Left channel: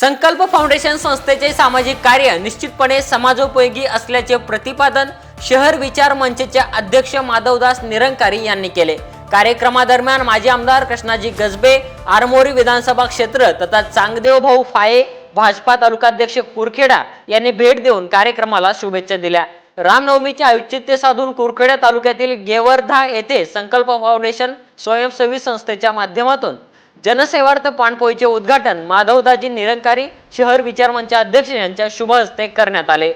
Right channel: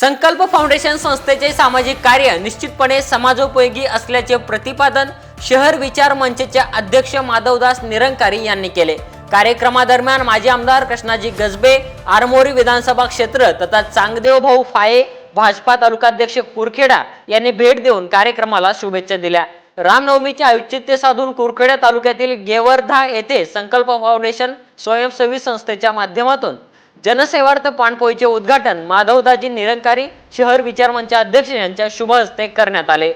संकल्प फाउंडेशन संस्थेचे सामाजिक कार्य निश्चितपणे समाजोपयोगी असल्याचे प्रतिपादन शहर विचार मंचचे अध्यक्ष माधवदास निरंकारी यांनी केले। कार्यक्रमादरम्यान माजी आमदार कृष्णाजी गजबे, आरमोरी विधानसभा क्षेत्र तथा चांगदेव भाऊ फाये, भाजपा तालुकाध्यक्ष कुरखेडा यांनी भेट देऊन कार्यक्रमाला शुभेच्छा दिल्या। रामनवमीचे औचित्य साधून कुरखेडा तालुक्यातील गेवरधा येथे संकल्प फाउंडेशन स्वयंसेवी संस्थेच्या माध्यमातून जनसेवार्थ पाणपोईचे उद्घाटन माधवदाजी निरंकारी शहर विचार मंच अध्यक्ष यांच्या शुभ हस्ते करण्यात आले।